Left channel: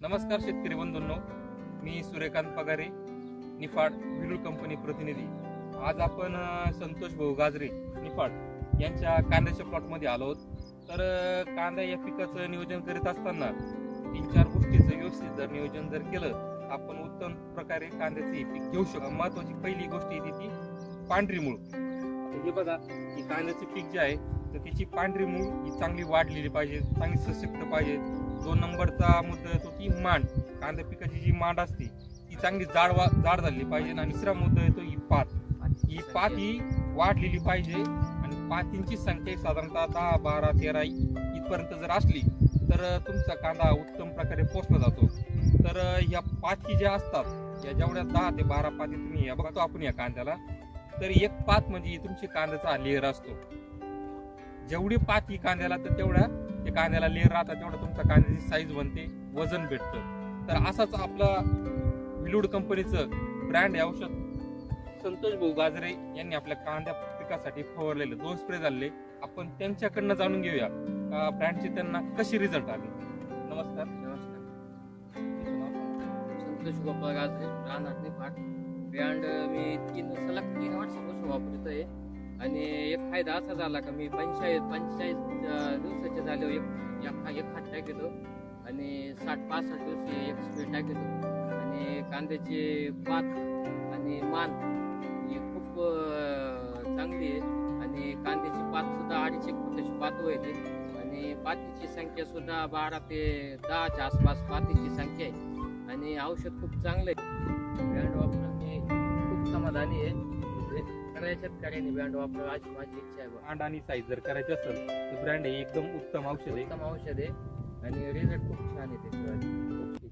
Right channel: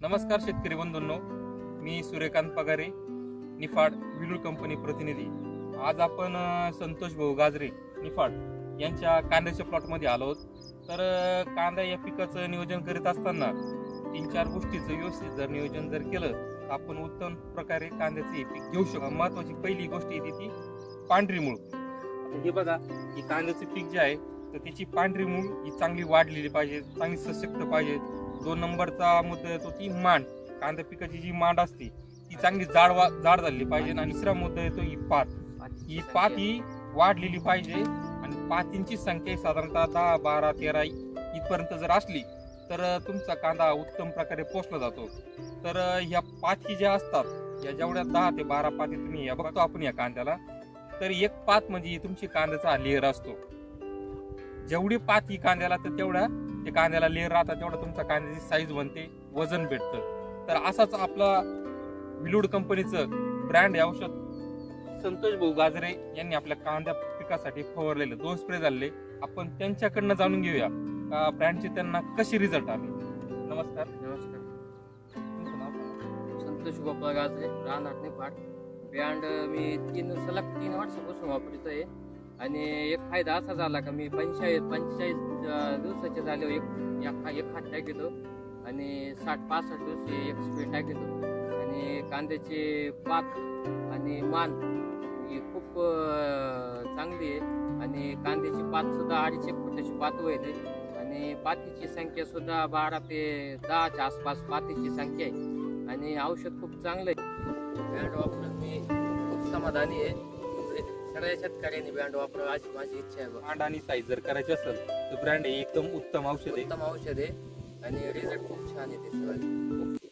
नमस्कार शेतकरी बंधूंनो मी सूर्यकांत पगारे निफाड विलूर कंपनी प्रतिनिधी. आज आपण संतोष भाऊ गाजरे निफाड यांच्या कांद्याच्या प्लॉटमध्ये आलो आहोत. तर कांदा या पिकाचं नियोजन करीत असताना तीन चार गोष्टीचं व्यवस्थित जर नियोजन जर केलं तर आपण उत्तम प्रकारे कांद्याचं हे पीक घेऊ शकतो. महत्वाची पहिली गोष्ट येते ती पांढरी मूळ. आता हे बघा ही कांद्याचं पीक जे आहे तर त्याची पांढरी मूळ ही चांगली वाढलेली पाहिजे चांगली सशक्त पाहिजे. दोन नंबरचा मुद्दा येतो ती मांड. कांदा पिकाची जी मांड असते ती चांगली जाड वा जाड झाली पाहिजे आणि तिसरा मुद्दा येतो ही पात. ही पात ही वाढलेली पाहिजे आणि पातींची संख्या साधारणतः दहा बारा तेरा इथपर्यंत जर असली तर तुमचा कांदा उत्तम प्रकारे पोचला जातो. तर ह्या पाती ज्या असतात या जेवढ्या दहा ते बारा पाती तुम्ही या बघतो आपण या कांद्याला. तर एक पात म्हणजे तुमची कांद्याचा लेअर असतो. जेवढी पाती कांद्याला तर तेवढ्या ते कांद्याला लेअर राहतात तेवढं तुमचा कांद्याची साईज बनते वजन भेटतं. तर असाच आपला विलूड कंपनीचं ब्रँड हे औषध. संतोष भाऊ गाजरे यांनी आपल्या कांद्या पिकासाठी फवारलेले दोन स्प्रे झाले. आपण त्यांच्याकडनं जाणून घेऊया का ब्रँडची त्यांना कशी रिझल्ट आले. नमस्कार. नमस्कार. संतोष गोपाळ गाजरे राहणार पाठ ब्रँड मी तीन सलग तीन वर्षापासून आहे आणि एक फायदा असा झाला का मी पंचेचाळीस पंचेचाळीस दिवसाचे झाले एक एक हात टाक आणि साठ पासष्ट दिवशी एक स्पीड टाक येतो आणि कांद्याची पात आणि मान ही खूप चांगली आहे. आणि कांद्याची पात सुद्धा अडीच फुटाची पात होते आणि पातीची संख्या सुद्धा बारा ते दहाच्या आसपास पातीची संख्या आहे. आणि औषध खूप चांगलं आहे. मी खूप समाधानी आहे. सगळ्या शेतकऱ्यांनी ब्रँड वापरावं अशी माझी इच्छा आहे. मांड आणि साईज जर करायची असेल तर ब्रँड हे एकदम उत्तम औषध आहे. उत्तम औषध आहे. आणि रिझल्ट खूप छान आहे त्याच्यावर